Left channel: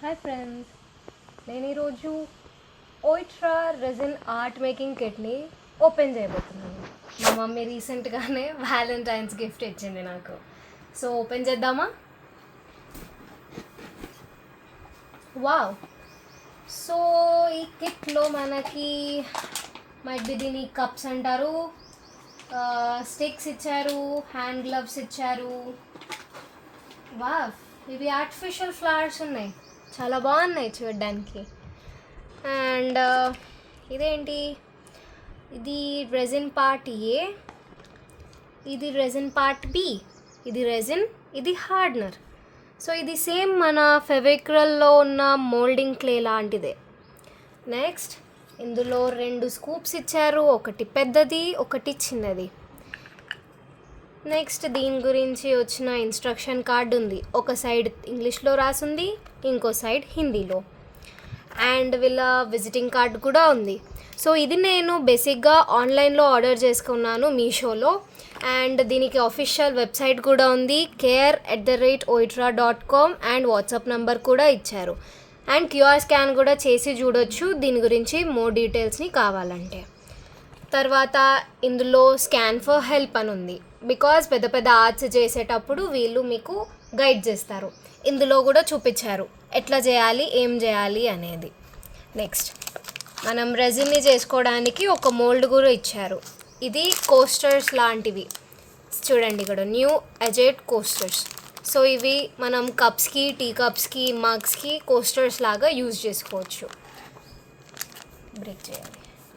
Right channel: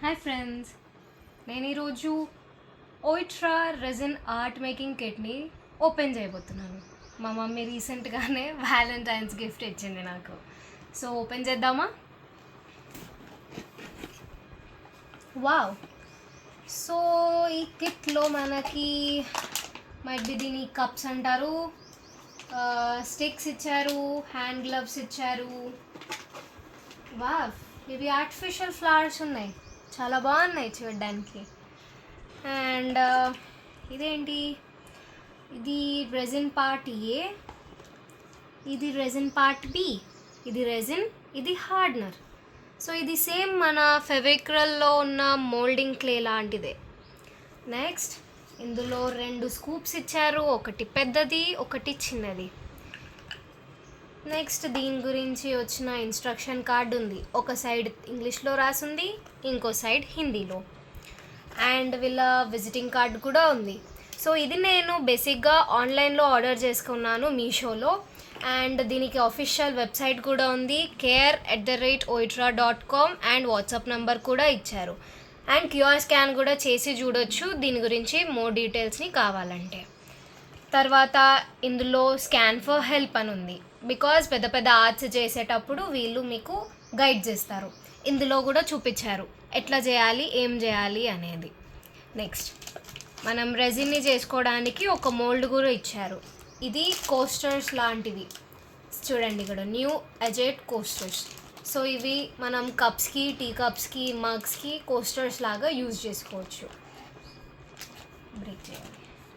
Hi friends, నేను ఈరోజు ఓయిట్రా resin art making కిట్ని open చేయబోతున్నాను. మా మమ్మీ రీసెంట్గానే వ్యాలంటైన్స్ గిఫ్ట్ ఇచ్చింది నాకు. సో ఓపెన్ చేద్దామా? వావ్! సో ఈ కిట్లో మనకి మైట్ బి దీని కప్స్ అంటారు, స్టిక్స్ ఇచ్చారు, హ్యాండ్ గ్లవ్స్ ఇచ్చారు. వావ్, ఇవి ఆర్టిఫిషియల్ ఫ్లవర్స్ ఉన్నాయి, చాలా బాగున్నాయి చూడడానికి. అండ్ ఇదేంటి, ఇది రెజిన్ పార్ట్ ఏ, ఇది రెజిన్ పార్ట్ బి, ఇది రెజిన్, ఇది హార్డ్నర్. సో ఇది సేమ్ మన ఫెవిక్రల్లో ఉన్న మోల్డింగ్ క్లే లాంటిదే. నెక్స్ట్ ఇందులో 2 స్కూప్స్ ఇచ్చారు, ఒకటి పెద్దది, ఒకటి చిన్నది. నెక్స్ట్ దీని గురించి వచ్చిన ఇన్స్ట్రక్షన్ కార్డ్ ఉంది. ఒక సైడ్ ఇంగ్లీష్లో రాసింది, ఇంకో సైడ్ హిందీలో. అండ్ వీళ్ళ విజిటింగ్ కార్డ్ కూడా ఉంది. సో ఇది నేను బేసిక్గా ఆన్లైన్లో ఆర్డర్ చేసుకున్నాను మీషోలో. అండ్ దీనికి అఫీషియల్ వెబ్సైట్ కూడా ఉంది, care@oitra.com, అండ్ వాట్సాప్ నెంబర్ కూడా ఇచ్చారు. అండ్ క్యూఆర్ స్కాన్ కూడా చేసి చూడొచ్చు దీని గురించి మోర్ డీటెయిల్స్ని కావాలంటే. తర్వాత ఇందులో స్కాన్ ఫర్ హెల్ప్ అని ఉంది, బికాజ్ పెద్ద పెద్ద ఆర్ట్స్ చేసేటప్పుడు వీళ్ళు మీకు గైడ్ చేస్తారు. ఇందులో కూడా చూపించారు ఎట్లా చేయాలి, ఏం చేయాలి అనేది. నెక్స్ట్ మనం రెజిన్ని చేసుకోవడానికి ఒక మోల్డ్ కూడా ఇచ్చారు. ఇది కోస్టర్స్ లాంటివి చూడండి, ఇక్కడ న్యూ అజెట్ కోస్టర్స్. సో ఇవి మనం కప్స్కి, టీ కప్స్కి, మగ్స్కి కోస్టర్స్ లాగా యూజ్ చేసుకోవచ్చు. బ్రేక్ చేయాలి.